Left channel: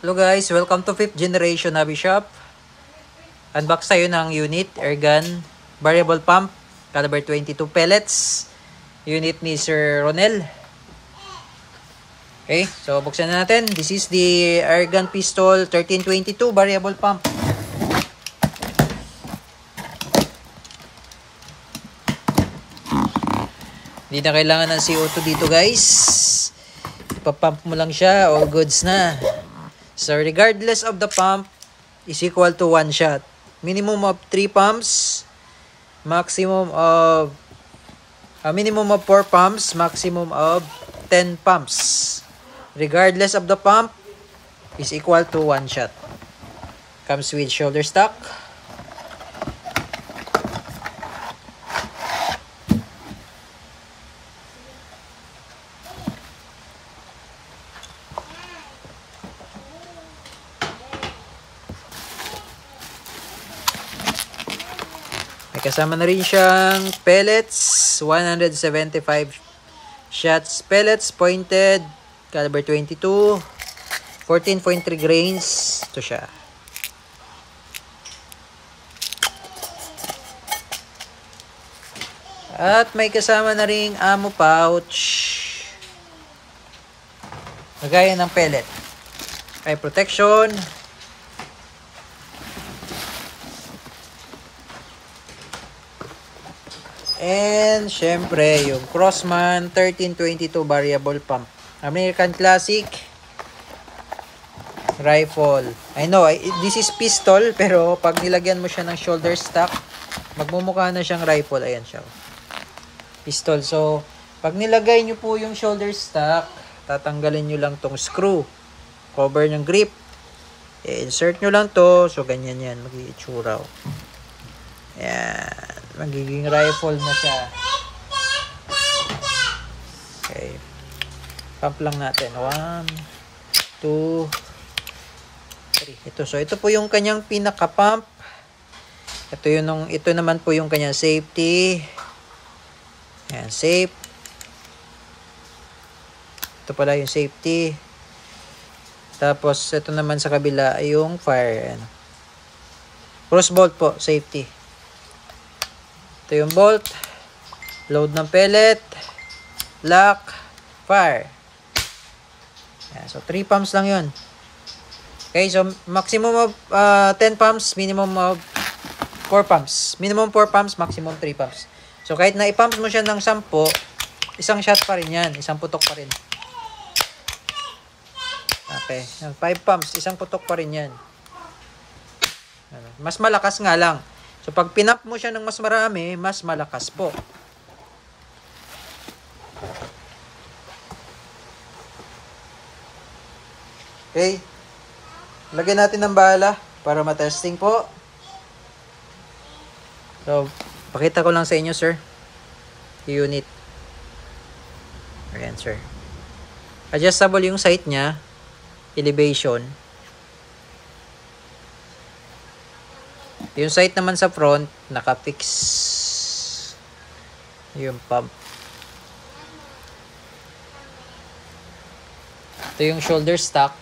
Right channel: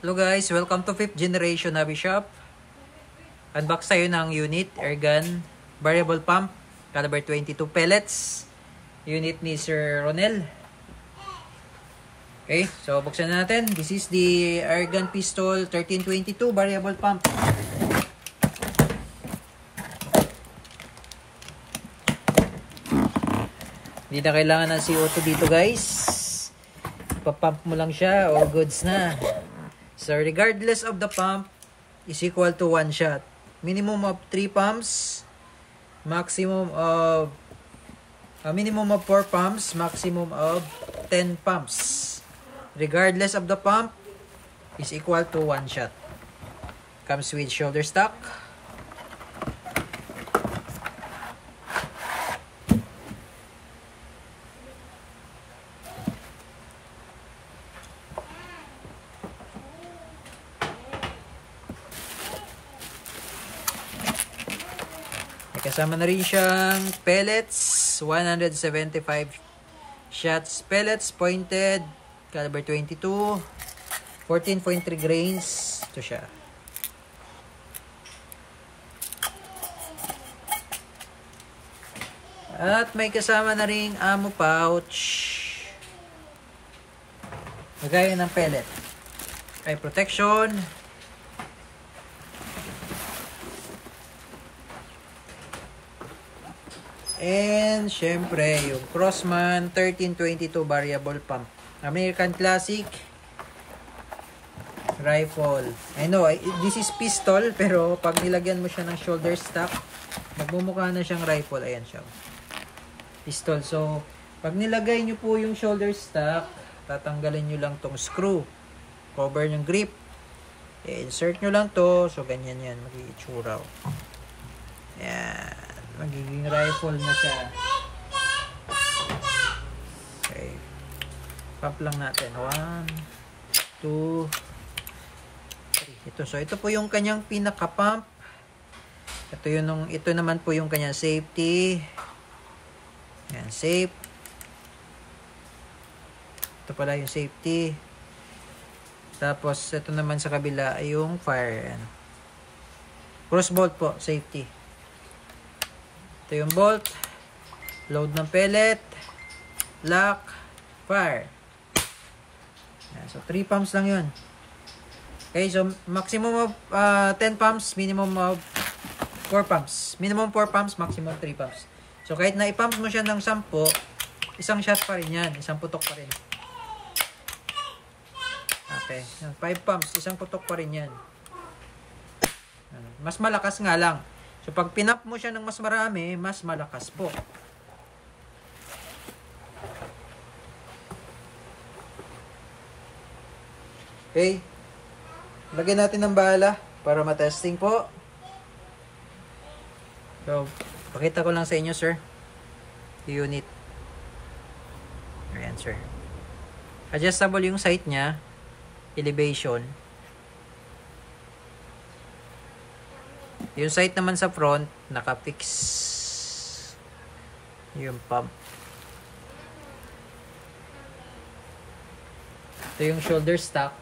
Hello guys, welcome to 5th generation hobby shop. Unbox tayo ng unit, airgun, variable pump, caliber 22 pellets. Unit ni Sir Ronel. Okay, so buksan na natin. This is the airgun pistol 1322 variable pump. Hindi na kailangan ng CO2 dito guys. Ipapump mo lang siya, all goods na. So regardless of the pump is equal to 1 shot. Minimum of 3 pumps, maximum of minimum of 4 pumps, maximum of 10 pumps. Regardless of the pump is equal to 1 shot. Comes with shoulder stock. May kasama na rin siyang pellets, 175 shots pellets, pointed, caliber 22, 14.3 grains. Ito siya. At may kasama na ring ammo pouch. Lagayan ng pellet. Eye protection. And syempre yung Crossman 1322 variable pump. American Classic rifle. I know this is pistol pero pag nilagyan mo siya ng shoulder stock, magmumukha na siyang rifle. Ayan siya. Pistol. So pag nilagay nyo po yung shoulder stock, tatanggalin nyo lang tong screw. Cover ng grip. I-insert nyo lang to. So ganyan yan. Mag-iitsura. Yan. Magiging rifle na siya. Okay. Pump lang natin. 1, 2, 3. Ito. So, ito po yung kanyang pinaka-pump. Ito naman po yung kanyang safety. Yan, safe. Ito pala yung safety. Tapos, ito naman sa kabila ay yung fire. Yan. Cross bolt po, safety. Ito yung bolt, load ng pellet, lock, fire. Yan, so 3 pumps lang yun. Okay, so maximum of 10 pumps, minimum of 4 pumps. Minimum 4 pumps, maximum 3 pumps. So kahit na i-pumps mo siya ng 10, isang shot pa rin yan, isang putok pa rin. Okay, 5 pumps, isang putok pa rin yan. Mas malakas nga lang. So, pag pinap mo siya ng mas marami, mas malakas po. Okay. Lagyan natin ng bala para matesting po. So, pakita ko lang sa inyo, sir. Unit. Ayan, sir. Adjustable yung sight niya. Elevation. Yung sight naman sa front, naka-fix yung pump. Ito yung shoulder stock.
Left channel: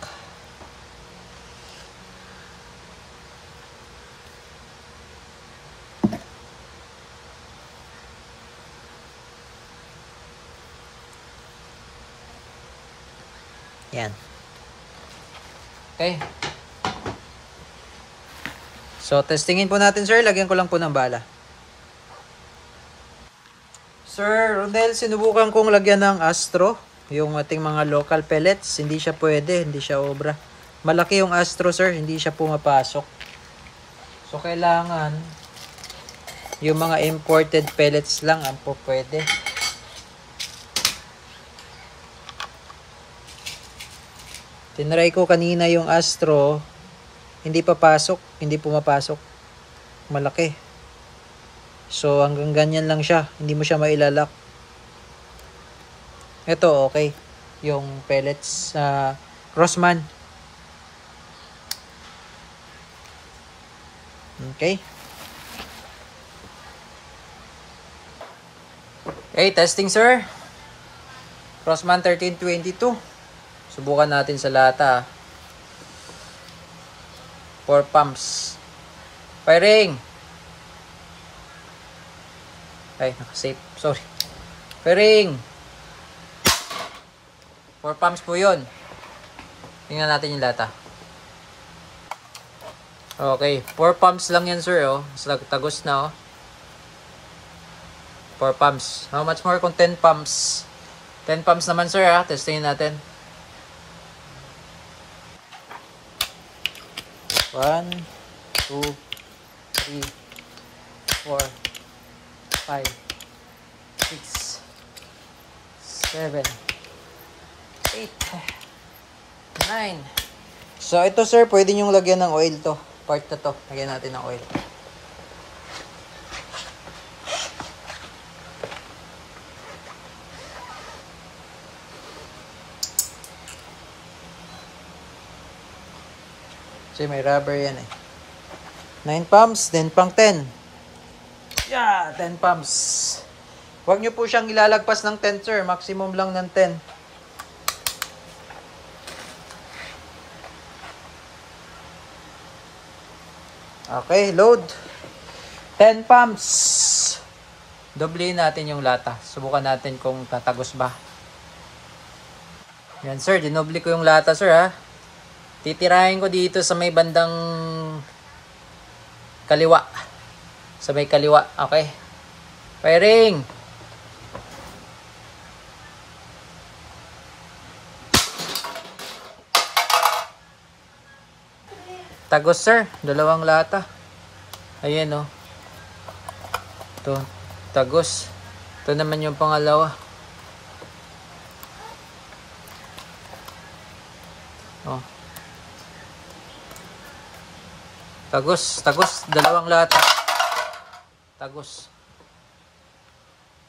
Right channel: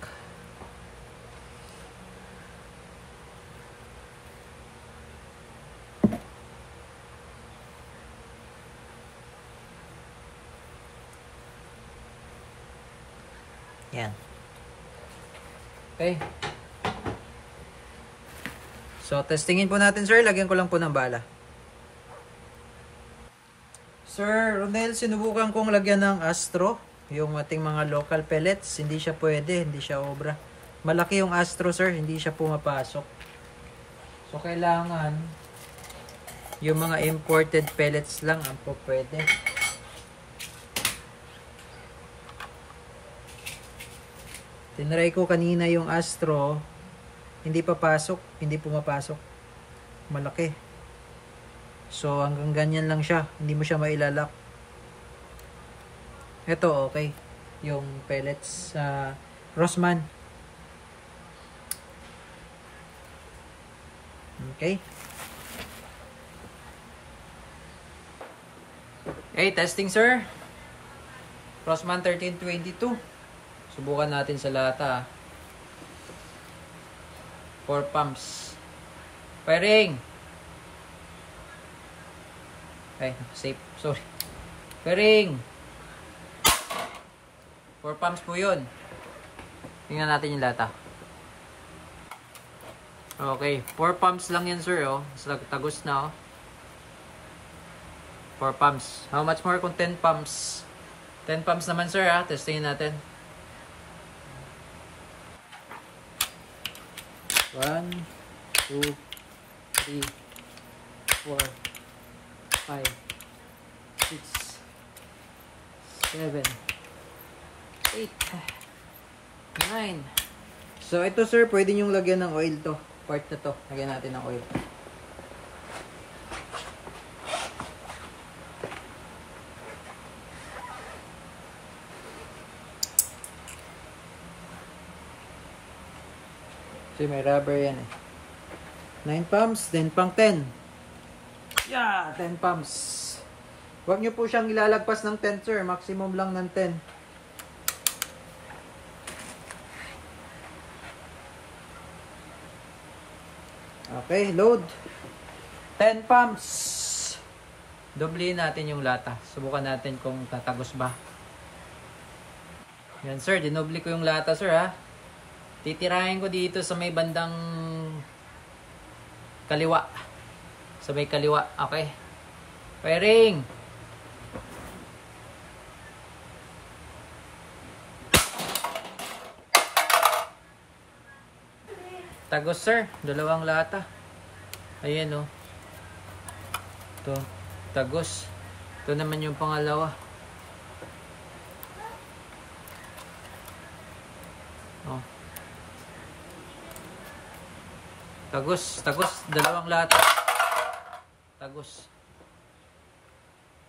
Yan. Okay. So, testingin po natin, sir. Lagyan ko lang po ng bala. Sir Ronel, sinubukan kong lagyan ng Astro. Yung ating mga local pellets. Hindi siya pwede. Hindi siya obra. Malaki yung Astro, sir. Hindi siya pumapasok. So, kailangan yung mga imported pellets lang ang po pwede. Tinry ko kanina yung Astro. Hindi papasok, hindi pumapasok. Malaki. So, hanggang ganyan lang siya. Hindi mo siya mailalak. Ito, okay. Yung pellets sa Crossman. Okay. Okay, testing, sir. Crossman 1322. Subukan natin sa lata. 4 pumps. Firing. Ay, naka-safe. Sorry. Firing. 4 pumps po yun. Tingnan natin yung lata. Okay. 4 pumps lang yan, sir. Oh. Tagos na. Oh. 4 pumps. How much more kung 10 pumps? 10 pumps naman, sir. Testingin natin. 1, 2, 3, 4, 5, 6, 7, 8, 9. So, ito sir, pwede nyong lagyan ng oil to. Part na to. Lagyan natin ng oil. Kasi may rubber yan eh. 9 pumps, then pang 10. Yeah, 10 pumps. Huwag nyo po siyang ilalagpas ng 10, sir. Maximum lang ng 10. Okay, load. 10 pumps. Doblein natin yung lata. Subukan natin kung tatagos ba. Yan, sir. Dinoble ko yung lata, sir, ha. Titirahin ko dito sa may bandang kaliwa. Sa may kaliwa. Okay. Firing. Tagos, sir. 2 lata. Ayan, oh. Ito. Tagos. Ito naman yung pangalawa. Oh. Tagos. 2 lata. Tagos.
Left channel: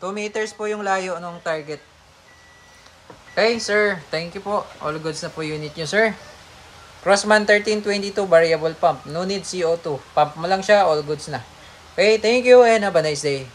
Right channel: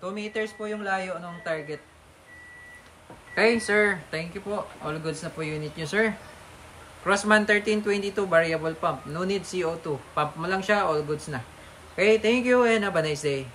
2 meters po yung layo ng target. Okay, sir. Thank you po. All goods na po unit nyo, sir. Crossman 1322 variable pump. No need CO2. Pump mo lang siya. All goods na. Okay, thank you and have a nice day.